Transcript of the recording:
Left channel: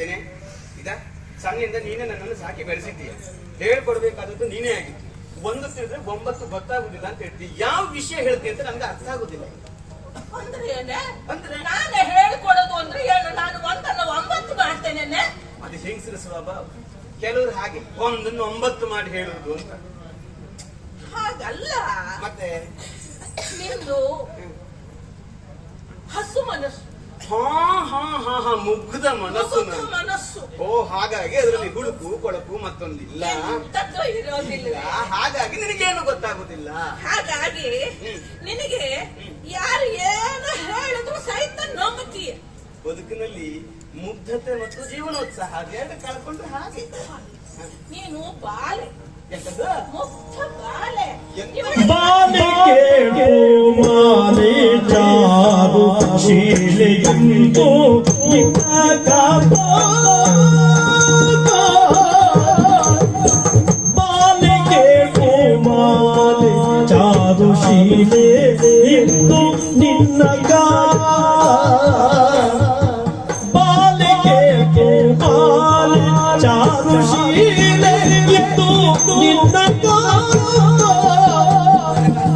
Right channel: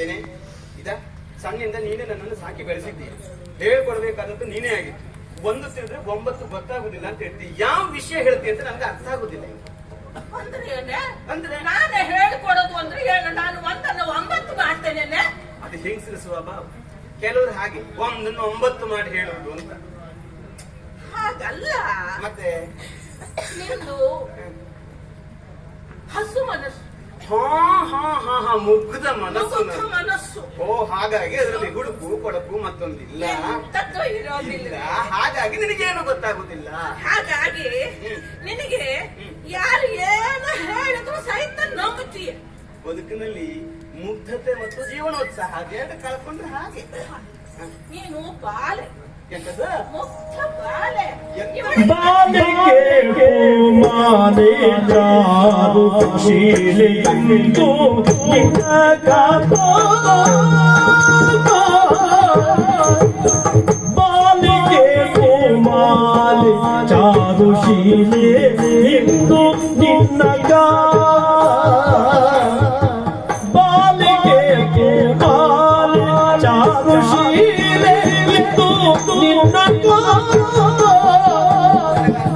ಮಾಡ್ತೇನೆ ಇದ ಸಣ್ಣಿಂದ ನೀನೇ ನನ್ನನ್ನು ಸಾಕಿ ಬೆಳೆಸಿದ್ದೀಯ. ಹೇಳ್ಕೊಡ್ಬೇಕಾದದ್ದು ನೀನೇ ಆಗಿತ್ತು ಒಂದು ತಿಳಿದ್ರೆ ಒಂಬತ್ತು ಗೊತ್ತಾಗುದಿಲ್ಲ ಅಂತ ಹೇಳ್ತಿ. ಯಾವ ವಿಷಯ ಹೇಳ್ತೀಯ ಅಂತ ನಮ್ಗೆ ಅರ್ಥ ಆಗುದಿಲ್ಲ ಅಂದ್ರೆ? ನಾನೇ ಹೇಳ್ಕೊಡೋದು ಅಂದ್ರೆ ನಾನು ಒಂದನ್ನ ಒಂಬತ್ತು ಮಾಡ್ತೇನೆ ಅದು ಹೆಂಗಸರ ಸ್ವಭಾವ? ಕೆಲವರು ಹಾಗೆ. ಒಂದನ್ನು ಒಂಬತ್ತು ಮಾಡಿ ಹೇಳುವುದು ಅಂತ. ಹಾಗಲ್ಲ. ಮತ್ತೆ? ನಿಂದು ಹಸು ಮನಸ್ಸು. ಹಾ ಹಾ ಮುಗ್ಧ ಮನಸ್ಸು ನಂದು. ಮನಸ್ಸು. ಓ ಹಾಗಾಗಿ ಅದರಲ್ಲಿ ಹುಡುಕು ಕೊಳಕು ಮತ್ತೊಂದಿಲ್ಲ. ಎಂತದ್ದು ಇರೋದಿಲ್ಲ. ಇಲ್ಲ ಹಾಗಾಗಿ ನಿನಗೇನು ಗೊತ್ತಾಗುದಿಲ್ಲ. ಹಾಗಾಗಿ ಹ್ಮ್. ನಿನಗೆ ಯಾರು ಏನು ಹೇಳಿದ್ರು ಸಹಿತ ನಂಬುತ್ತೀಯ. ಬದುಕಿನಲ್ಲಿ ಮುಗ್ಧತೆ ಮತ್ತು ಜೀವನೋತ್ಸಾಹ ಅದೆರಡು ಕಳ್ಕೊಂಡ್ರೆ ಹಾಗೆ. ನೀನು ಬಾಲೆ. ಎಂತದ ಮುಗ್ಧ ಬಾಲೆ. 나를 잡고 실을 담고 내가 자부심에 인도 빛나가 발에게 발 자부심에 인도 빛나가